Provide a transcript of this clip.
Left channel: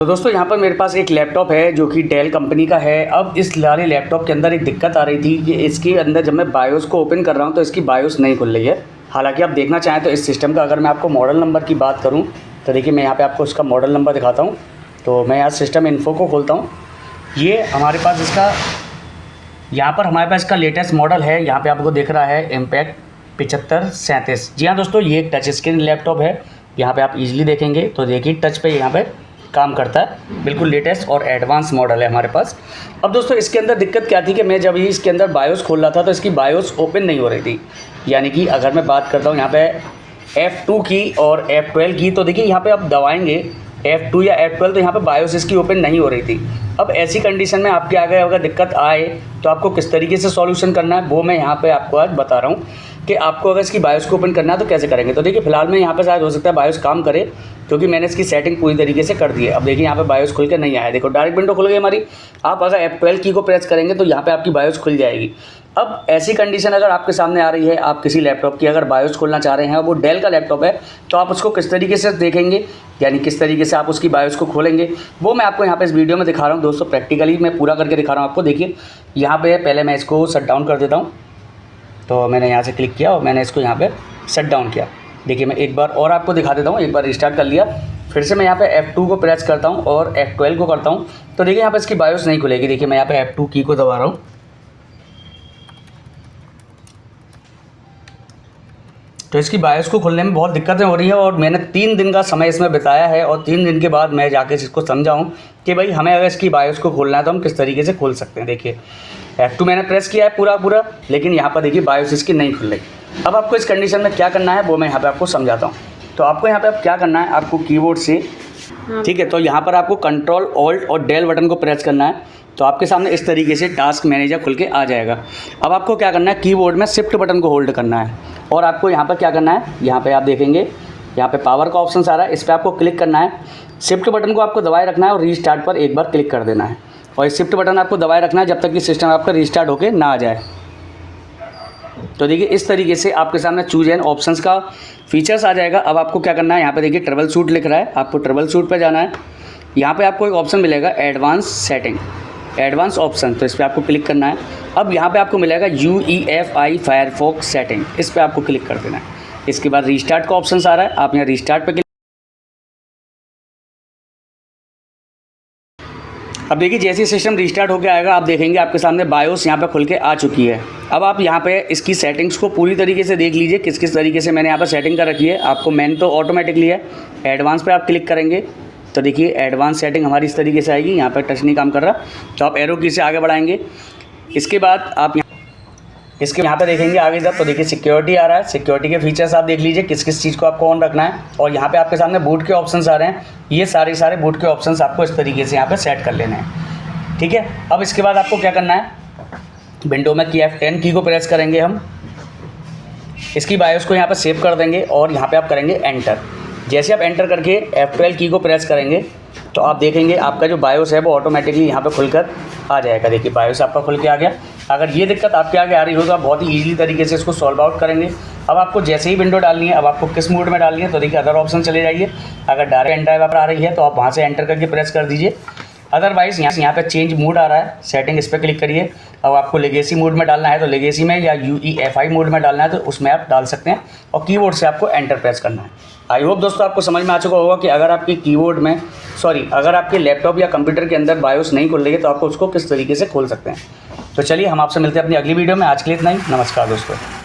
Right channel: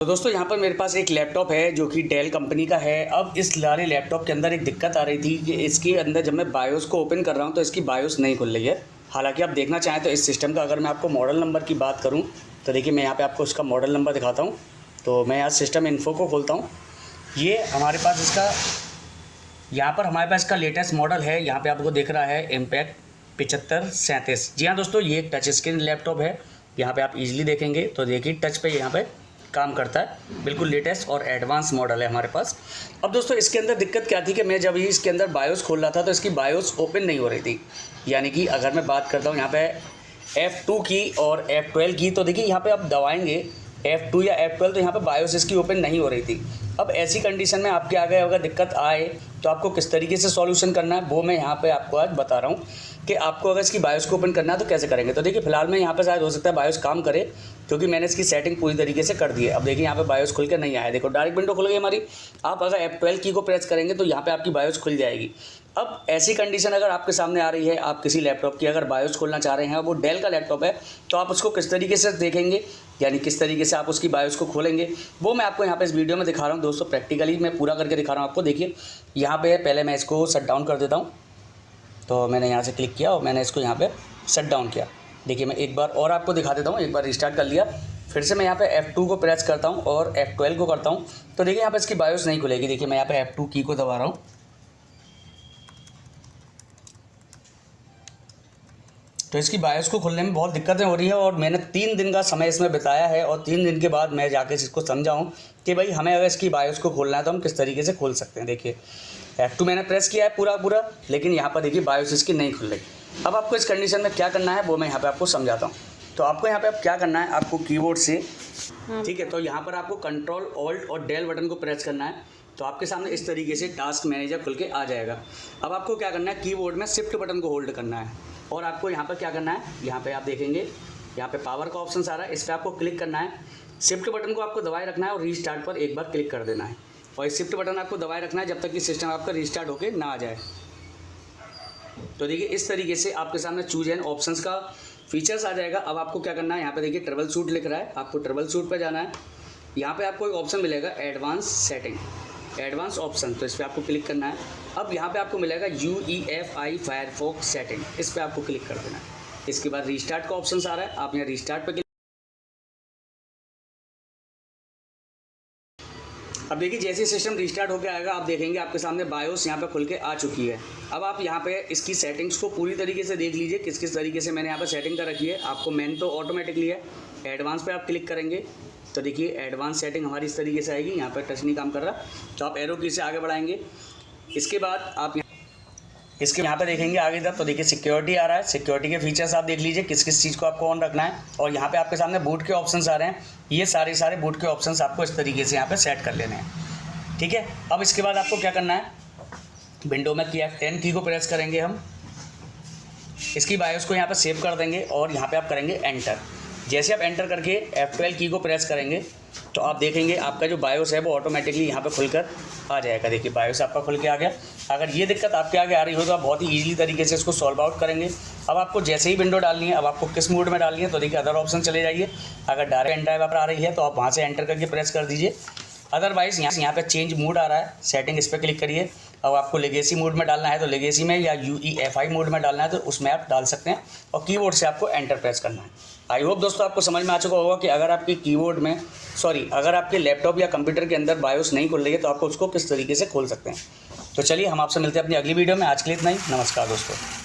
तो दोस्तों यहाँ पर मेरे पास एक लैपटॉप है जो कि डेल कंपनी का है। अब इस वाले लैपटॉप के अंदर एक दिक्कत आ रही थी कि इसके अंदर जब मैं बायोस को ओपन कर रहा हूँ तो इसकी बायोस नहीं खुल रही है। हालांकि आप देखना चाहें तो इस सिस्टम का अगर मैं आपको मॉडल नंबर की बात करूँ तो देखिए मैं यहाँ पे आपको इसका मॉडल नंबर दिखाता हूँ। तो मैं यहाँ सिस्टम इन्फो को खोलता हूँ। ये हमारे पास इसका यहाँ पर हमारे पास इसका लेटेस्ट मॉडल है। यहाँ पर आपको दिख रहा है इम्पैक्ट 7537। जी हाँ दोस्तों, ये एक टच स्क्रीन लैपटॉप है। यहाँ पर आप ईजिली देखेंगे तो देखिए टच पे यहाँ पर काम करता है। बिल्कुल लेटेस्ट और एडवांस मॉडल है हमारे पास। अब दोस्तों इसके अंदर दिक्कत क्या थी कि मैं जब ही इसके अंदर बायोस खोल रहा था तो इसकी बायोस ओपन नहीं हो रही थी। यानी कि अगर मैं बात करता हूँ यहाँ पे F2 की और F12 की, तो देखिए यहाँ पे आप दबाएंगे F2 या F12 तो यहाँ पे बायोस इसकी ओपन नहीं हो रही थी। अब ऐसी कंडीशन में आपके आगे अगर दिक्कत आए तो आपको किस तरीके से सॉल्यूशन करना है वो मैं यहाँ पे आपको आज बता रहा हूँ कि आपको अगर इसकी बायोस को ओपन करना है तो कैसे करेंगे। तो देखिए फिलहाल मैं यहाँ पे शायद हो सकता है बायोस काम करे क्योंकि मैंने इसकी सेटिंग पूरी तरीके से कर दी है। अब देखिए यहाँ पे बायोस खुल के नहीं आया, देखो डायरेक्ट विंडो खुल गई हमारी। आप अगर F12 की को प्रेस करेंगे तो यहाँ पे आपकी बायोस खुल जाएगी। अब ऐसी कंडीशन अगर आपके सामने आ रही है, आप किसी लैपटॉप की अगर बायोस खोलना चाह रहे हैं, वो डेल का लैपटॉप है, तो आप उसको किस तरीके से देखेंगे, यानी किस तरीके से आप उसकी बायोस को खोलेंगे, वो मैं आपको यहाँ पे इस वीडियो में दिखा रहा हूँ। दोस्तों प्रैक्टिकली मैं पूरा करके दिखा रहा हूँ आपको। देखिए यहाँ पे पहले मैं इसको शट डाउन कर देता हूँ। तो मैंने यहाँ से क्लिक किया और मैंने इसको यहाँ पे शट डाउन किया। देखिए मैं एक बार और आपको दिखा देता हूँ। एक बार रिस्टार्ट कर लिया, फिर से मैं यहाँ पे F2 को प्रेस करता हूँ और F12 को करता हूँ तो देखिए यहाँ पे इसकी बायोस नहीं खुलेगी। देखिए मैं यहाँ पे F2 की को दबा रहा हूँ तो इसकी बायोस को खोलने में बहुत दिक्कतें हो रही है और मैंने 3 दिन का समय इसमें बिताया है और 3 दिन के बाद मैं जाके इसको समझाऊँ कि भाई हमें अगर इसकी बायोस को खोलना है तो हम किस तरीके से खोल सकते हैं। देखिए F2 मैंने प्रेस किया है पूरा, लेकिन यहाँ पर देखिए बायोस इसकी नहीं खुल रही। अब आपको इस कंडीशन में क्या करना है वो मैं यहाँ पे आपको समझाता हूँ। तो आपको यहाँ पे अब क्या करना है, आपको कीबोर्ड से, ठीक है, तो यहाँ पर आपको कंट्रोल ऑल्ट और डेल बटन को प्रेस करना है। तो आपके सामने इस तरीके से टास्क मैनेजर खुल के आ जाएगा। अब आपको क्या करना है, कीबोर्ड में शिफ्ट बटन को होल्ड करना है और आपको यहाँ पर क्या करना है, यहाँ पे आप देखेंगे यहाँ पे पावर का ऑप्शन आ रहा है, इस पर आपको क्लिक करना है। शिफ्ट बटन को आपको दबाए रखना है और रीस्टार्ट पर एक बार क्लिक कर देना है। और इस शिफ्ट बटन आपको दबाए रखना है जब तक कि सिस्टम आपका रीस्टार्ट होकर ना आ जाए। तो देखिए इस तरीके से आपके सामने चूज एंड ऑप्शंस का फीचर्स आ जाएगा। अब आपको क्या करना है, यहाँ पे देखिए ट्रबल शूट लिख रहा है, आपको ट्रबल शूट पे जाना है। यहाँ पे आपको एक ऑप्शन मिलेगा एडवांस सेटिंग, एडवांस ऑप्शन, तो इस पर आपको क्लिक करना है। अब यहाँ पे आपको मिलेगा UEFI फायरफॉक्स सेटिंग, इस पर आपको क्लिक कर देना है। इसके बाद रीस्टार्ट का ऑप्शन आ रहा है, आप यहाँ रीस्टार्ट पे अब देखिए जैसे सिस्टम रीस्टार्ट होकर आएगा आप देखेंगे आपके सामने बायोस यहाँ पे खुल के आ चुकी है। अब आप यहाँ पे इसकी सेटिंग्स को पूरी तरीके से देख लीजिए किस किस तरीके से मैंने यहाँ पे सेटिंग कर रखी है। आपको मेन तो ऑटोमेटिकली है, एडवांस पे आप क्लिक करेंगे तो देखिए एडवांस सेटिंग हमारी इस तरीके से आएगी। यहाँ पर टच नहीं काम कर रहा तो आप एरो की से आगे बढ़ाएंगे। इसके बाद आप इसके यहाँ पे देखेंगे आगे जब, तो देखिए सिक्योरिटी आ रहा है। सिक्योरिटी के फीचर्स आप देख लीजिए किस किस चीज़ को आपको ऑन रखना है। और यहाँ पे आपके सामने बूट के ऑप्शंस आ रहे हैं, ये सारे बूट के ऑप्शंस आपको इस तरीके से यहाँ पे सेट कर लेने हैं, ठीक है। अब इसके बाद आपको क्या करना है, विंडो में की F10 की को प्रेस करेंगे हम, इसकी बायोस को यहाँ पर सेव कर देंगे और यहाँ पर आप करेंगे एंटर। जैसे आप एंटर करके F12 की को प्रेस करेंगे तो आप देखेंगे आपका जो बायोस है वो ऑटोमेटिकली यहाँ पे खुलकर आ जाएगा। देखिए बायोस आपका खुल के आ गया। अगर ये दिक्कत आपके आगे आ रही हो तो आप बहुत ही ईजिली तरीके से इसको सॉल्व आउट करेंगे। अब आपको जैसे ही विंडो डालनी है, अब आपको किस मोड में डालनी है, तो देखिए अदर ऑप्शन चले जाइए। अगर डायरेक्ट एंटर आ रही है तो आप वहाँ से एंटर करके प्रेस कर दीजिए। अदरवाइज़ यहाँ पे चेंज मोड आ रहा है, सेटिंग, इस पर क्लिक करिए। अब आपको लेगेसी मोड में डालना है तो लेगेसी में, या UEFI मोड में डालना है तो उसमें आप डाल सकते हैं और कीबोर्ड से आपको एंटर प्रेस करना है। आई होप दोस्तों आपको समझ में आ चुका होगा कि अगर आपकी कीबोर्ड में अगर आपके लैपटॉप या कंप्यूटर के अंदर बायोस नहीं खुल रही है तो आपको उसको किस तरीके से खोल सकते हैं। तो चलिए हम आपसे मिलते हैं अपनी अगली वीडियो में। आज के लिए इतना ही, नमस्कार दोस्तों।